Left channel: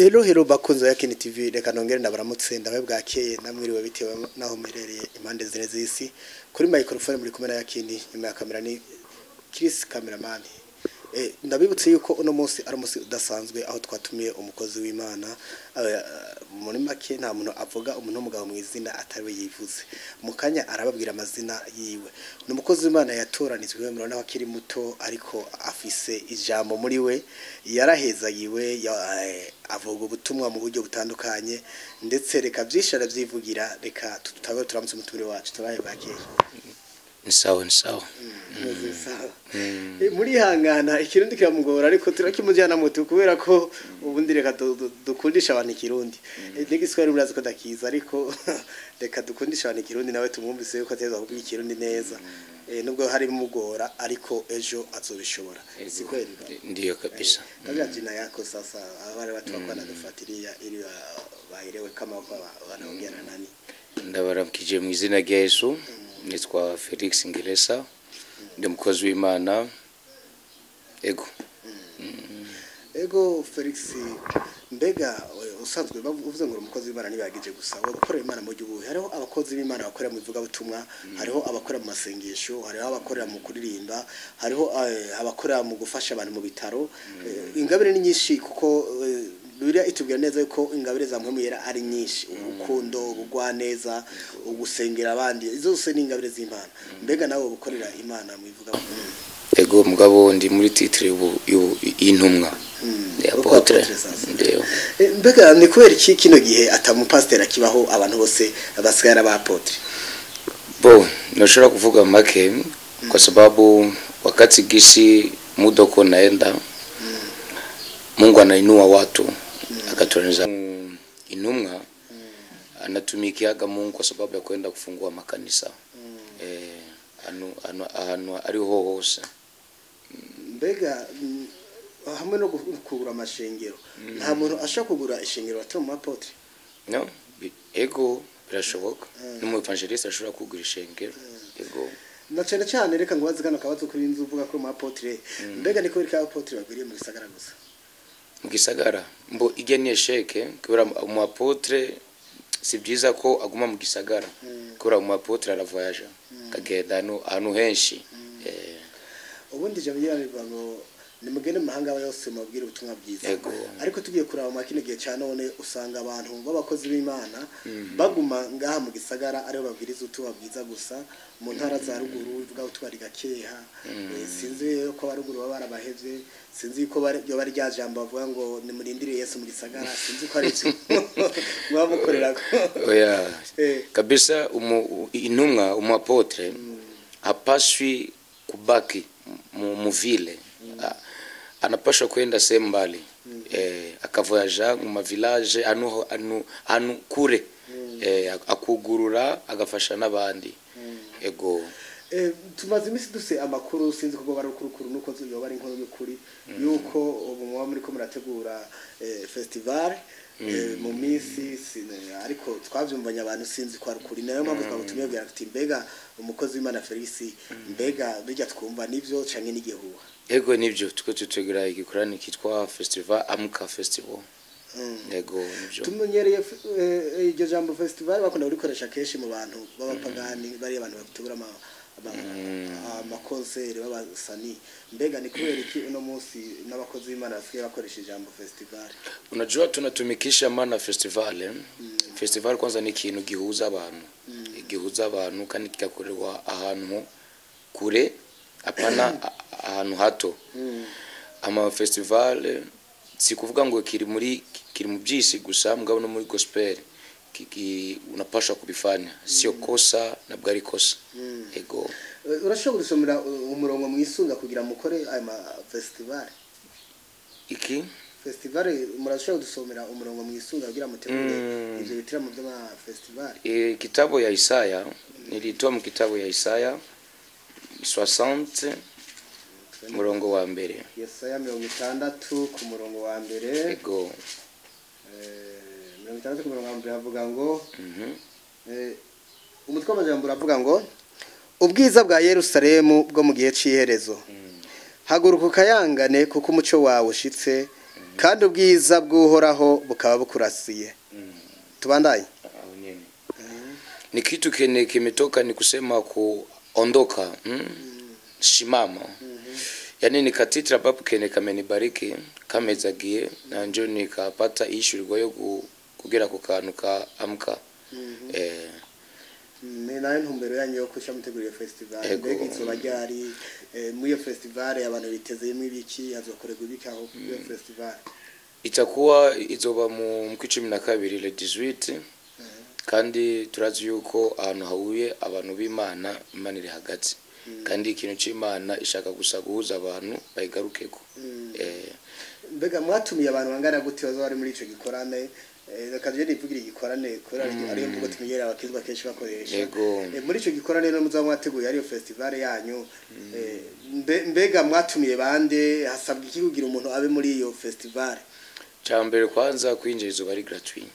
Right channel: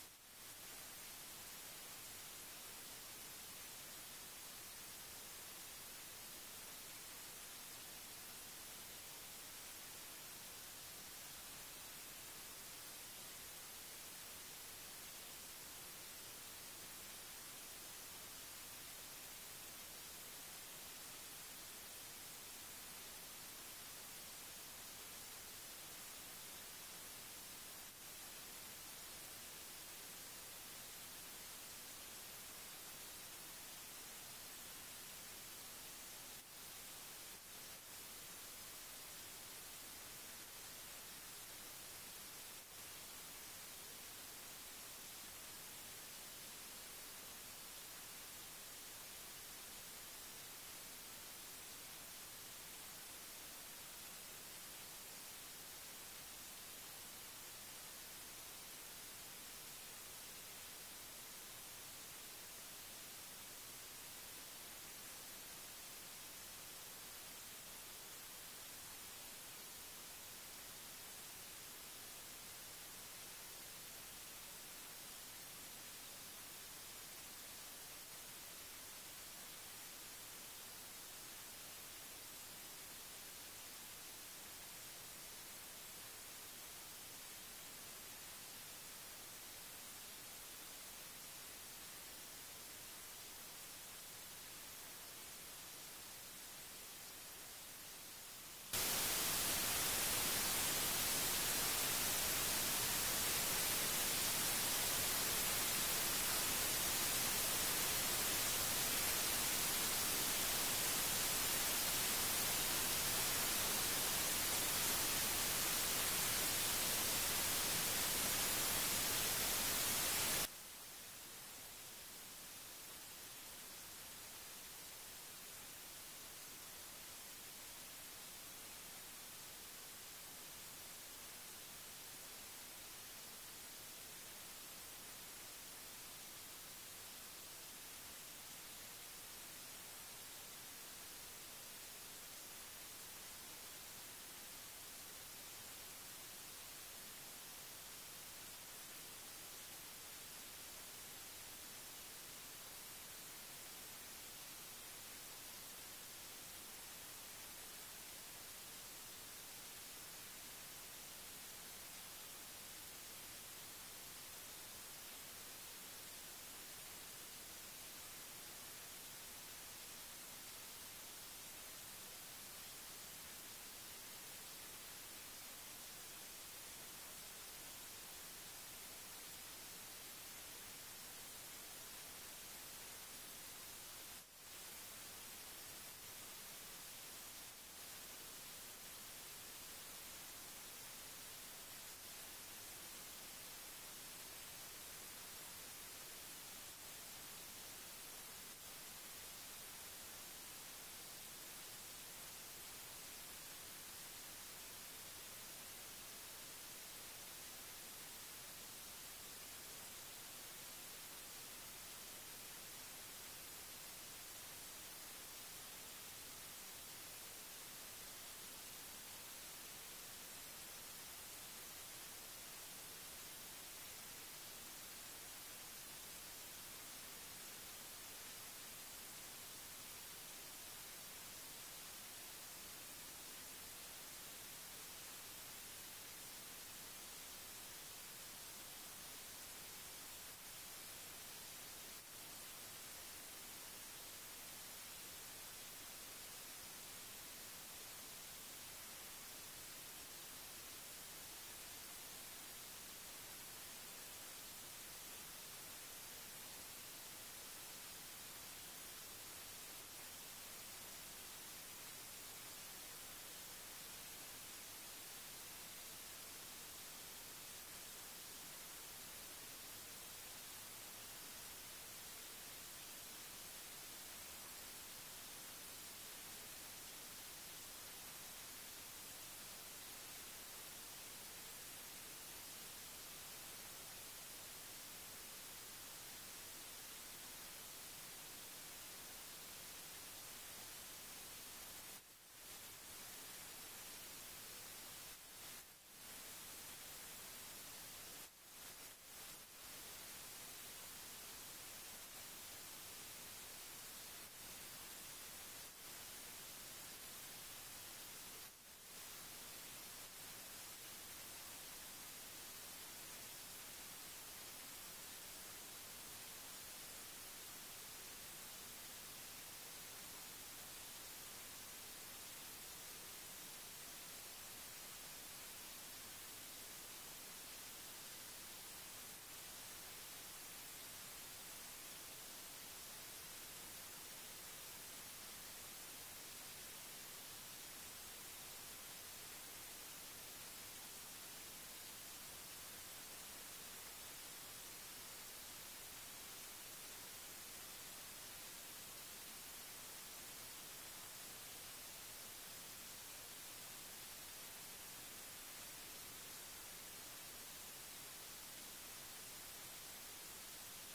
Hero bakunze ya Kini TV reka nongere ndabaramutse ndawe bwakeye namwiriwe bitewe naho merereye impande zine z'isi kuri microphone muri kumena ya Kini nyuma ya kamera ni Chris cameraman. Ndabibutse yuko uno munsi ari umunsi udasanzwe aho twatumiye umukozi w'Imana muri make nta muntu avuga umuntu w'umugabo mu izina atari yivuze mukanya arababwira amazina yiwe n'umukozi w'Imana yatoranizwe murona ko akiri muto ariko afise ijambo muri we yarahezagiwe avuga ubutumwa mu buryo butandukanye ndetse reka byishara byivugira reka tutabe turamutse umutumire wacu tabaye bakeye ni sawa muri hangana ikirundi kiramugora ariko turakimujyana mutu kubera ko ubundi reka dukundisha abantu ikirundi n'igiswahili burazi ko dakiza ariko reka dukundisha abantu ikirundi nawe tumwumvise yuko ateza kuvuga ikirundi neza nubwo hari mugora ariko ejo azobishobora sikweli ndiyo kabisa kabya jina yako sasa abari batwakwana dufatiriya ili bahirewe kama wanaongea na nani ndabaramkije mu izina rya Yesu nitwa Felix Ngiresa ndi mukozi w'Imana ego Felix mbega usanzwe bavuze ngo umukozi w'Imana nibagije gusa wo gukorera Imana mu gihugu hariho abakozi b'Imana bakorera mu bivuga butumwa hariho abakorera mu masengesho hariho abakorera mu kuririmba hariho abakorera mu gufasha abantu mu bitaro ingabire ni nyinshi kuko Bibiliya itubwira neza yuko ingabire za mpemu yera ari nyinshi urukundo ubugwaneza ugusengera abandi izo zose ni ingabire z'Imana mbega nawe ubukorera Imana mu bivuga ego mugabo ndi muri titre y'intumwa apotre mbega ni kubera iki kino gihe atamupasiteri akibaho abantu bose abasigara ba apotre nashobora kuvuga make kwa sababu wakati gisi muda uko naenda Mungu anainua watu akatoraniza intumwa anatumikiaga Mungu kwa sababu ya kwenda kufungua makanisa anu ariho hose mbega hamwe no kugura amashengero nta muntu ashaka kugura ishengero atari mu apotre no ego birashoboka n'umu evangeliste ashobora kugura ishengero ego na cyane reka ngo bazigana kabazo kuri inzu uvuga ko mu apotre mbega niko biri ka apotre bagwiriye mu gisagara gusa mugisagara mbo igeniye sheke kubera mu apotre si byiza ko aguma mu gisagara kubera mu apotre aravoyaje kagenda ahantu henshi ubundi je biranirwa ngo nimugende mu mahanga yose mubwire ubutumwa bwiza ariko tugiye kuraba makine gihe cyane none usanga abantu b'abakozi b'Imana baguma ngaha mu gisagara ariho babwiriza ubutumwa bwiza gusa mu ntara za ruguru bivuga utwari gakeha sinzi ko baruguru baba barabahevye sinzi ko bari rya jambo bavuga ngo nimurindire Yesu mu gisagara sinzi ko ari mwamukorera oya kabisa intumwa apotre hapaswi kubaki mu vile anapasha kwenda sehemu mbali akavoyaja mu mavillage anu kure akugurura agafasha n'abandi ego tumaze imisi duse amakuru sinzi ko bari kurukuru nuko yoba ari inkuru y'ukuri yuko ubu muba muri ko murategura festival mu minsi ariko twavyumvanye abantu sinzi ko ari kuri nayo mpamvu twabutumye bya ati mbega umukozi w'Imana Felix mbega bijya twumva nivyo canke n'igihuha ego nivyo tuko tutegura igikorani kitwa festival Amka Festival ego nivyo tumenyereye iryo jambo festival bakunda kurikoresha keshi mu bantu b'abapagani bari abantu bategura amakonseri b'abasani mbega ni kubera iki uno munsi n'abakozi b'Imana basigaye bakoresha ijambo festival unajua tunatumikisha maana festival festival kwanza ni ikintu gihuza abantu kandi kikakorerwa ahantu kure apana ahantu hato ama festival si kuvuga ngo kiri mu byisi gusa mugabo no muri gospel unapasha kubifanya sio kosa na bwari kosa ego urashobora gusomera umurongo mwisunga kugira mukore aya festival iki festival murashobora gusomera umurongo mwisunga kugira mutegure ivyo bitira mu bya festival kitabu ya Isaya nilitoa mu kitabu ya Isaya 60 murongo wa mbere Yesaya 60 ku murongo wa mbere ego 60 ku murongo wa mbere avuga ngo umutwe w'amajambo uravuga ngo ubwiza bwa Yerusalemu bwo mu gihe c'iherezo haguruka ukayangane kuko umuco wawe ushitse kandi ubwiza bw'uhoraho bukaba bukurasiye. Tubandaye. Ni kitu kene kimetoka ni kusema kuondoka, shimama. Yani ni katitra babu kene kamenibariki kamezagiye na njo nikapata ishurirwa yo kugera ku kantu ka amka. Ni nayo ntumbero yanyu yo kusha mutegurira festival. Mbega izuba ryari muri iyo festival abantu bitezeyemo ibiki, hazokorerwa ibiki aho iyo festival? Itakuwa izoba mu 12 le 18 kandi turazi yuko ahantu hahuye abantu b'Imana, Imana iri hagati kandi ikintu cy'Imana ishaka gusa guhuza abantu bayigarukeko. Mbega mwatumiye abantu bangana gute bazo bari muri ico gikorane? Rekaje nivugira igikorane kora ariyo mvugo tumenyera abakizwa kenshi bakoresha. Muri ico gikorane no muzo mwateguye ariyo festival yanyu, mbega mwatumiye bande, hasabwa iki kugira umuntu abe muri iyo festival? Cyambere kwanza kwinjirizo bari gratuit.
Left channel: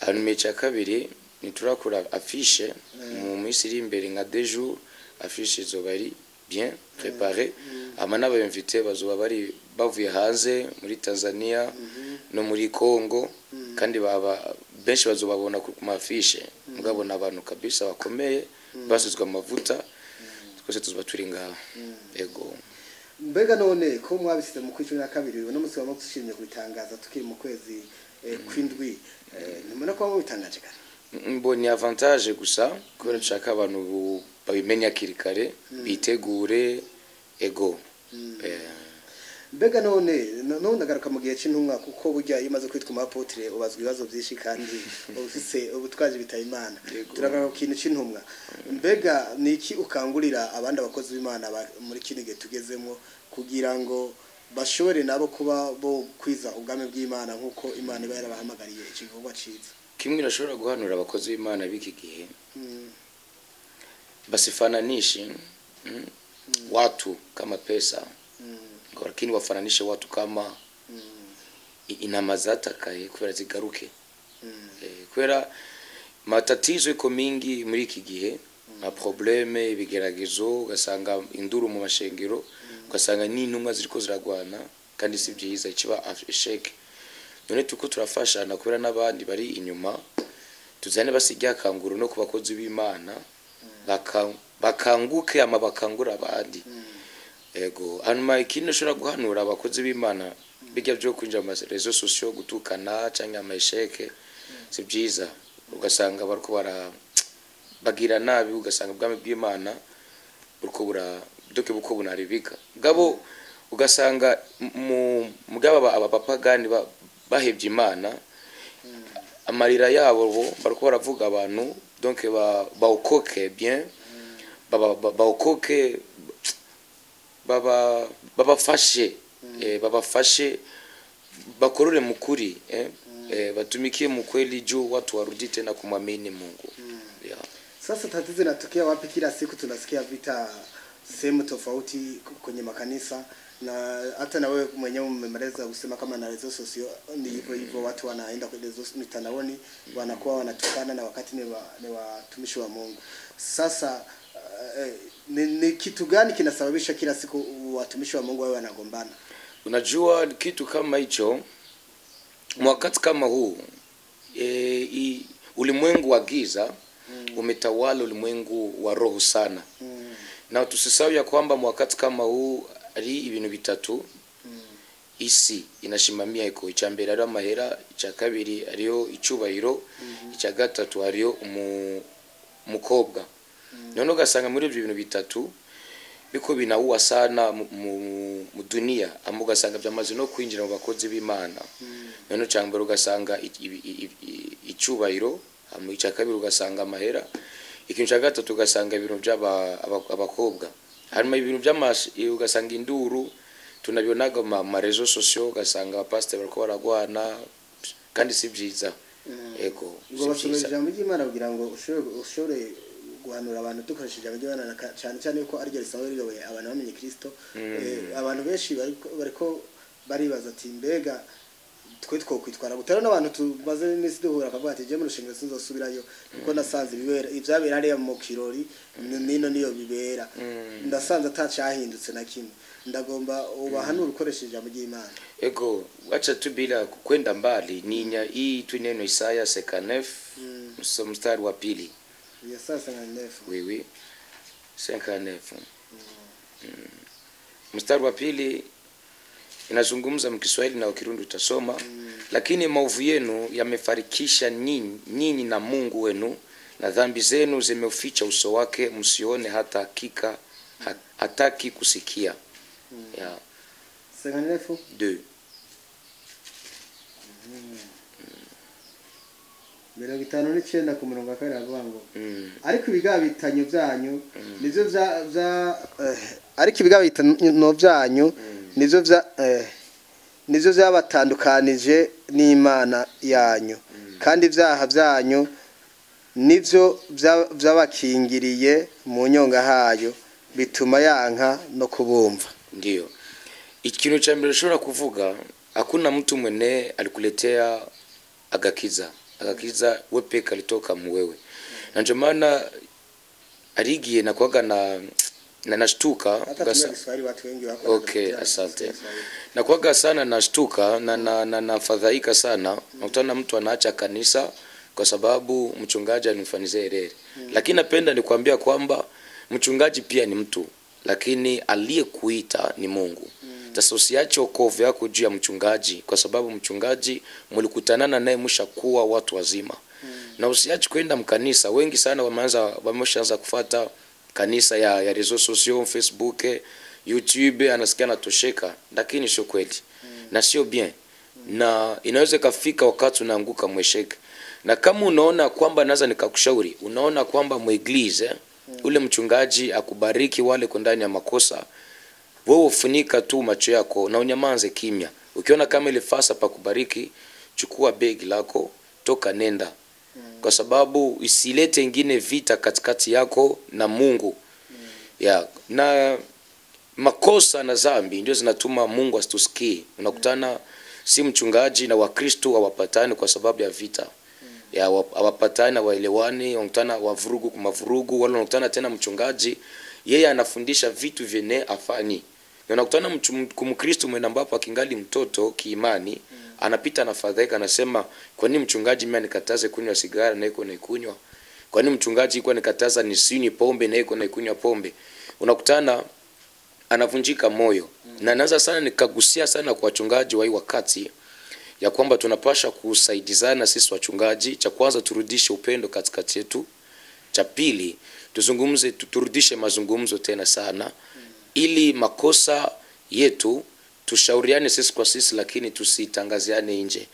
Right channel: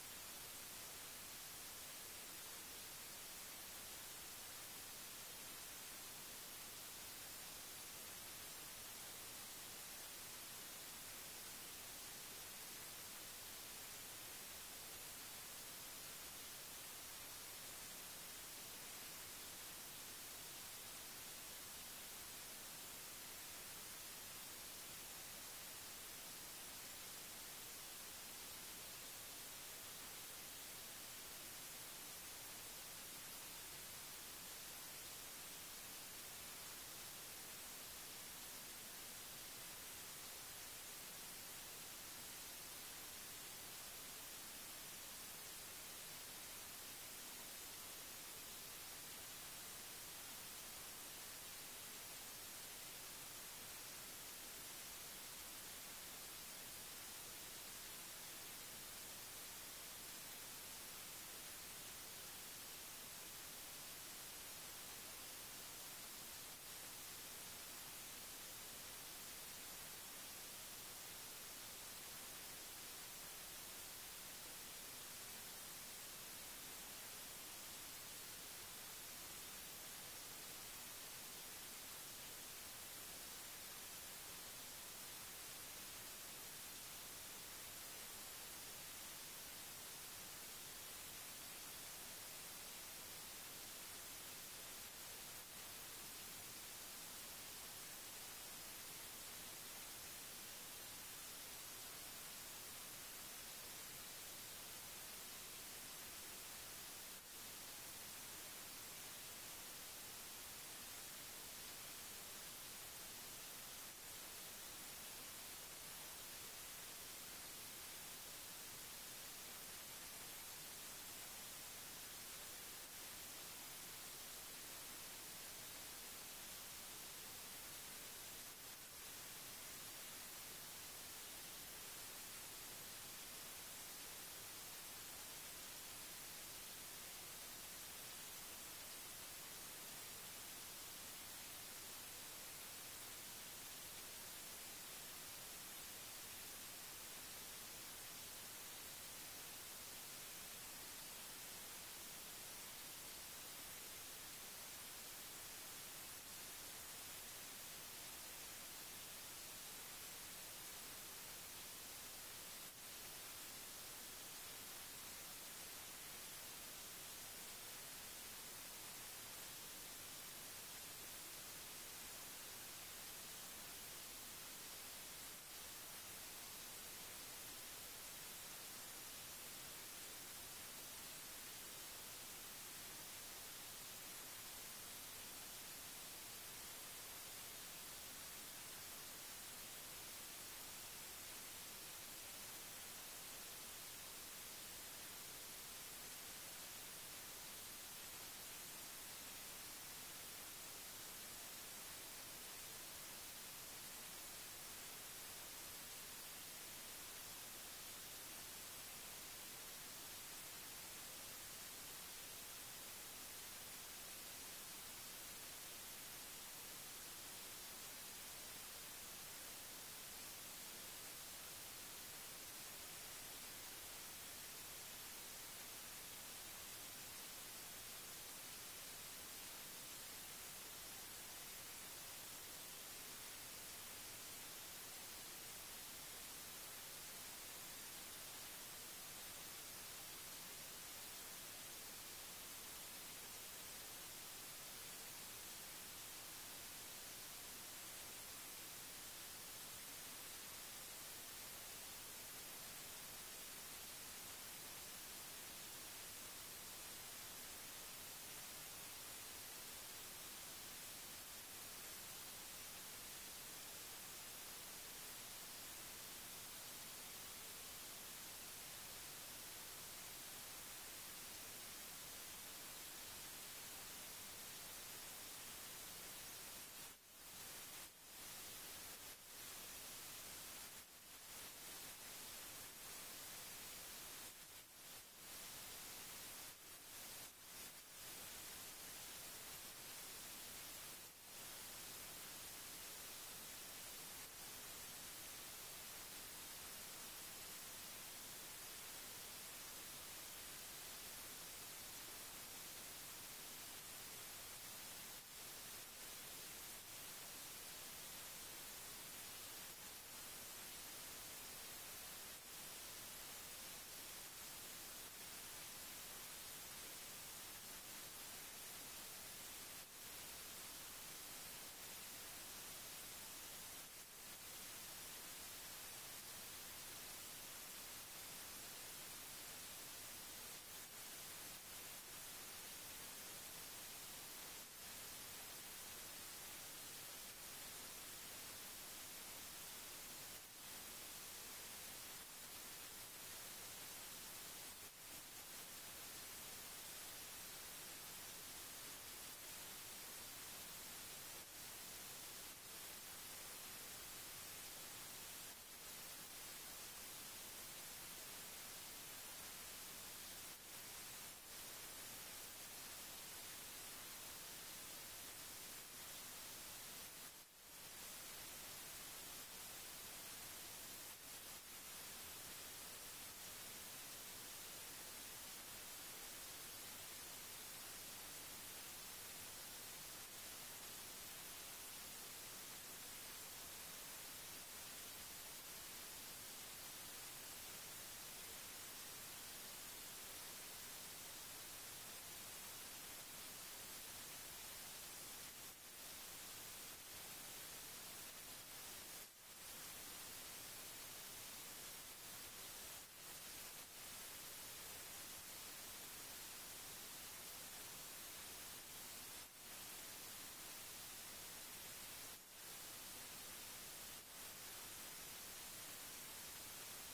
Hanyuma icya kabiri niturakora affiche mu minsi iri imbere nka 2 jours, affiche zo bari bien préparé. Amana b'invité bazoba bari bavuye hanze muri Tanzania no muri Congo, kandi baba benshi bazobabona ku mafishe, mugabona abantu kabisa bakomeye basuzwa amavuta twese tuzoba turi ngaho. Mbega none ko mwabisize mu 12 no musi wa mushimye kubitangaza tukiri mu kwezi kwindwi, nimena ko mubitangaje kare? Mboni avantage gusa ko nshaka abantu babimenya kirikare bitegure. Mbega none ndagaruka mu gihe cy'intumwa, kuko burya imaze kwitwa umuapotre ubazwa ibibazo byinshi kandi ufise ubutwaje bitaye Imana. Turagaruka ku kintu cy'intumwa. Mbega niki ukangurira abandi abakozi b'Imana muri kino gihe tugezemo kugira ngo bashobore nabo kuba bo kwiza ubwami bw'Imana nkuko Imana iba yarabahamagariye ikivuga ciza? Kimwe nashobora guhanura abakozi b'Imana biki gihe, basifananishe watu kama pesa, lakini wafananishe watu kama inama zatakaye kubera zigaruke. Kubera matatizo iko mingi muri iki gihe, na probleme ibigeragezo, ugasanga induru mu mashengero, ugasanga n'intumwa ziriko ziragwana kandi si byiza, ikiba asheke. None tuko turafashana kubera n'abandi bari inyuma, tuzane basijya kanguru no kubakozi b'Imana bakanguke ama bakangura abandi. Hanyuma ikindi nshobora guhanura abakozi b'Imana bijya byo kwinjira mu rezo sociaux gutukana cyangwa amasheke si byiza, ugasanga bariko bagira nabi, ugasanga ubwami bw'Imana buriko buko bunaribika gabo, ugasanga mugaba abapagani bahebye Imana, amarira yabo bariko baravuga abantu, donc baokoke bien, baokoke babafashe bakorore mukuri, batumikie mkweli juu watu warudi tena kumwamini Mungu. Sasa tatizo linatokea wapi? Kila siku tunasikia vita sehemu tofauti kwenye makanisa, na hata na wewe mwenyewe umemaliza kusema kama na rezo sosio ni hivyo watu wanaenda kwenye rezo mitandaoni wanakuwa wanatukana na wakati ni watumishi wa Mungu. Sasa ni kitu gani kinasababisha kila siku watumishi wa Mungu wao wanagombana? Unajua kitu kama hicho wakati kama huu ulimwengu wa giza umetawala ulimwengu wa roho sana. Na tusisahau ya kwamba wakati kama huu ari ibintu bitatu isi inashimamia iko icyambere ari amahera, icya kabiri ariyo icubahiro, icya gatatu ariyo umukobwa. None ugasanga muri ibyo bintu bitatu biko binauwa sana mu dunia, ugasanga byamaze no kwinjira mu bakozi b'Imana. None cyambere ugasanga icubahiro, icya kabiri ugasanga amahera, ikintu cya gatatu ugasanga ibintu by'abakobwa. Harimo ibintu ugasanga induru, tunabionaga ma rezo sociaux, ugasanga abapasiteri bariko baragwana kandi si byiza. Ngo basubije ijambo ry'Imana kugira ngo ushobore guhanura abantu dukoresheje ijambo ry'Imana, cyane cyane ko ari ryo risawe riyoboye abantu bamenye Kristo. Abantu benshi bariko baribaza ati mbega twe twokwitwara gutera n'abantu tubaze iminsi duhura akavuga ati je mu rushengero sinzosubirayo kuko nasanze ibibera ivyabera ari mu kirori nino niyo bibera, ndasanze atacahindutse na kimwe. ndagomba ubahanura ukoresheje ijambo ry'Imana. Ego wacha tu bila kwenda mbali ninya hii tu neno Isaya 59 mstari wa pili. Isaya 59. Oui 59. Mstari wa pili inazungumza mkiswahili na Kirundi utasoma. Lakini maovu yenu yamefarikisha nyinyi na Mungu wenu, na dhambi zenu zimeuficha uso wake, msione hata hakika hataki kusikia. Ya 59 2. Mirongo itanu n'icyenda ku murongo wa kabiri avuga ngo ariko ibigabitanyo byanyu nivyo ariko ibigabitanyo byanyu nivyo byabatandukanije n'Imana yanyu, kandi ibyaha byanyu nivyo byabakingiriye mu nyonga hayo, bituma yanka no kubumva. Ndio ikintu cha mbere ushobora kuvuga, hakuna mtu mwene alikuletea agakiza we peke alitoka muwewe. Na ndio maana aligie na kuaga na nashtuka okay, asante. Na kuaga sana nashtuka na fadhaika sana nakutana mtu anaacha kanisa kwa sababu mchungaji alimfanyia error. Lakini napenda nikwambia kwamba mchungaji pia ni mtu, lakini aliyekuita ni Mungu. Sasa usiache wokovu yako juu ya mchungaji, kwa sababu mchungaji mlikutanana naye mshakuwa watu wazima. Na usiache kwenda mkanisa. Wengi sana wameshaanza kufuata kanisa ya reseaux sociaux, Facebook, YouTube, anasikia natosheka, lakini sio kweli. Na sio bien. Na inaweza kafika wakati unaanguka mwesheke. Na kama unaona kwamba naweza nikakushauri, unaona kwamba mueglize ule mchungaji akubariki wale kwa ndani ya makosa, wewe ufunika tu macho yako na unyamanze kimya. Ukiona kama ile fasa pa kubariki, chukua begi lako, toka nenda. Kwa sababu isilete ingine vita katikati yako na Mungu. Ya, na makosa na dhambi ndio zinatuma Mungu asitusikie. Unakutana si mchungaji na Wakristo hawapatani kwa sababu ya vita. Ya hawapatani na waelewani, unakutana wavurugu kwa mavurugu, wala unakutana tena mchungaji yeye anafundisha vitu vyenye afani. Na unakutana Mkristo mwenye ambapo akingali mtoto kiimani, anapita na fadhaika anasema, kwa nini mchungaji mimi anikataze kunywa sigara na yuko naikunywa? Kwa nini mchungaji yuko anikataza nisinywe pombe na yuko naikunywa pombe? Unakutana anavunjika moyo. Na naanza sana nikagusia sana kwa wachungaji wa hii wakati ya kwamba tunapasha kusaidizana sisi wachungaji. Cha kwanza turudishe upendo katikati yetu. Cha pili tuzungumze, turudishe mazungumzo tena sana, ili makosa yetu tushauriane sisi kwa sisi, lakini tusitangaziane nje.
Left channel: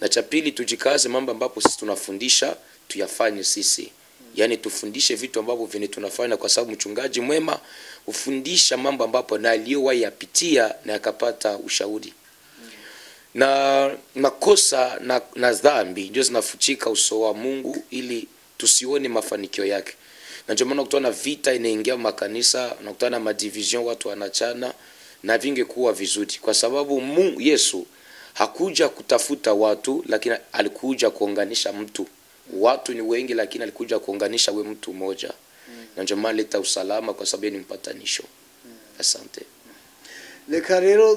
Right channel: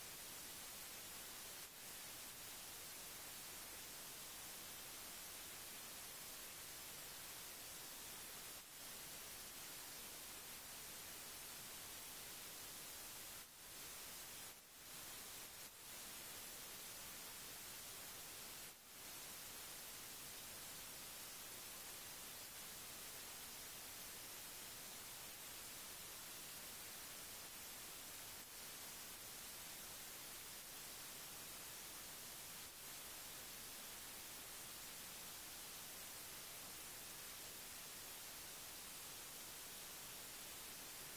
Na cha pili tujikaze mambo ambapo sisi tunafundisha tuyafanye sisi. Yani tufundishe vitu ambavyo vile tunafanya, kwa sababu mchungaji mwema ufundisha mambo ambapo na aliyowahi yapitia na akapata ushauri. Na makosa na dhambi ndio zinafuchika uso wa Mungu ili tusione mafanikio yake. Na ndio maana kutana vita inaingia makanisa, na kutana madivision, watu wanachana, na vingekuwa vizuri, kwa sababu Yesu hakuja kutafuta watu, lakini alikuja kuunganisha mtu. Watu ni wengi, lakini alikuja kuunganisha we mtu mmoja. Na ndio maana leta usalama, kwa sababu ni mpatanisho. Asante. Reka rero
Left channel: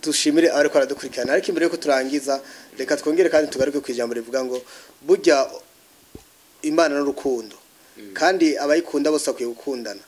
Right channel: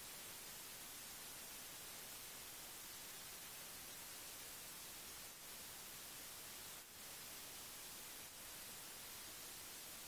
tushimire ariko aradukurikirana, ariko imbere yuko turangiza reka twongere kandi tugaruke ku ijambo rivuga ngo burya Imana n'urukundo, kandi abayikunda bose akwiye gukundana.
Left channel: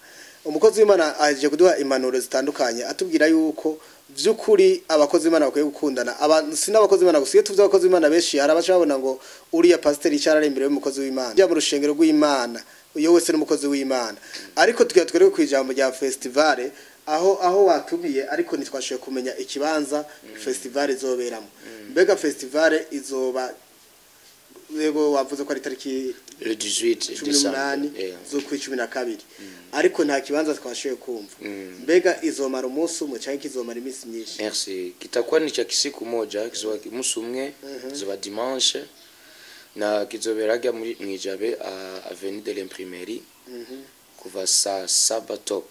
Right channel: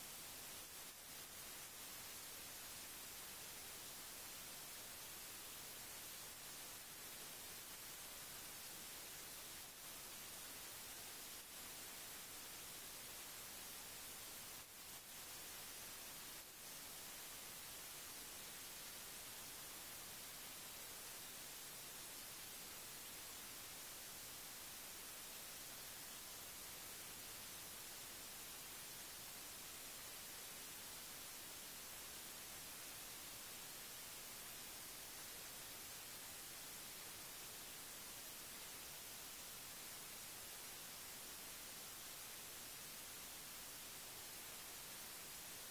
Umukozi w'Imana aje kuduha impanuro zitandukanye atubwira yuko vy'ukuri abakozi b'Imana bakwiye gukundana. Sinabakozi b'Imana gusiye tuvye abakozi b'Imana benshi harabashabona ngo uriya pastor icyarare imbere y'umukozi w'Imana bya mu rushengero rw'Imana, uyo wese n'umukozi w'Imana. Ariko tugatwereke ku ijambo rya festival aho watubiye, ariko nitwashoye kumenya ikibanza festival izoberamo. Mbega festival izoba yego wavuze ko ari tariki le 18 December zo ku 12, ariko nta kibanza twashoye kumva. Mbega izomara umunsi umwe cyangwa kizomara iminsi myinshi? Merci. Kitakuwa ni cha kisiku moja, kizoba umunsi umwe, kizoba dimanche, na kizoberaga muri Mwijabe avenue de l'Imprimerie kuva saa 7 top.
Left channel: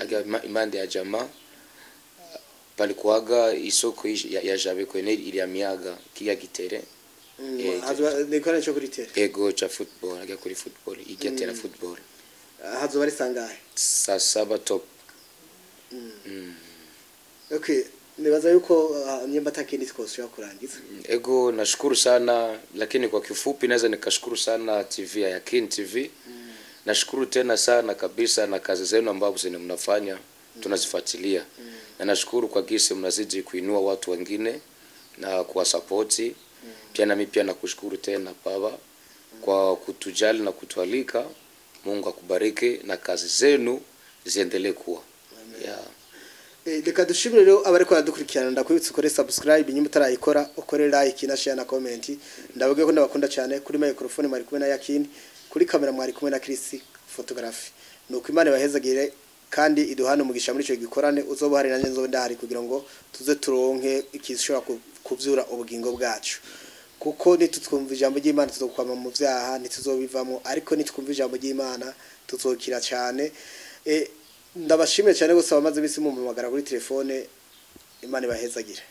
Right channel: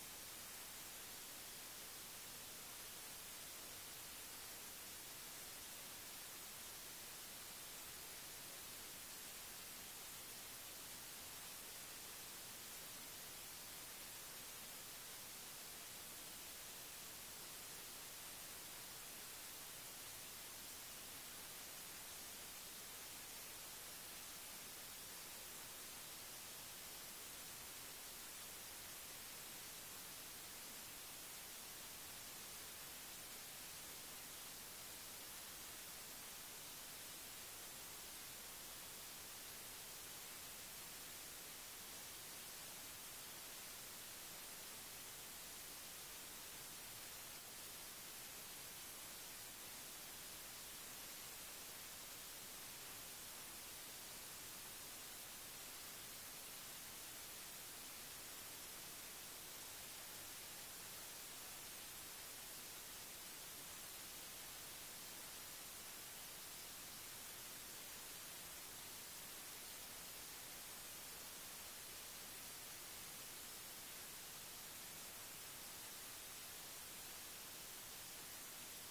Aga imande ya jamaa palikuaga isoko ya Jabe kwenye ili ya miaga kia kitere. Nikora cyo kuri tere. Ego cha football, aga kuri football, ikiatera football. Hazo bari sangahe? Saa 7 top. Okay, nibaza yuko nyamba takini tukosha kurangiza. Ego nashukuru sana, lakini kwa kifupi naweza nikashukuru sana TV ya Yakini TV. Nashukuru tena sana kabisa na kazi zenu ambazo mnafanya tunazifuatilia. Na nashukuru kwa gisi mnazidi kuinua watu wengine na kuwasapoti. Pia na mimi pia nakushukuru tena baba kwa kutujali na kutualika. Mungu akubariki na kazi zenu ziendelee kuwa. Yeah. Reka dushimire rero abariko baradukurikirana, ndakwibutsa ukore subscribe nyuma utarayikora, ukore like na share na comment. Ndavuge ko ndabakunda cyane. Kuri microphone mwari kumwe na Yakini, kuri kamera mwari kumwe na Chris photography. Nuko Imana bahezagire kandi iduhana umugisha muri cyo gikorane, uzobuhari nanje nzo ndahari kugira ngo tuze turonke ikishobora kuvyura ubugingo bwacu. Kuko nitutwumva ijambo ry'Imana tuzokwama mu vyaha, nituzobivamo, ariko nitwumva ijambo ry'Imana tuzokira cyane. Ndabashimire cyane gose abamaze bisi mu magara kuri telefone. Imana ibahezagire.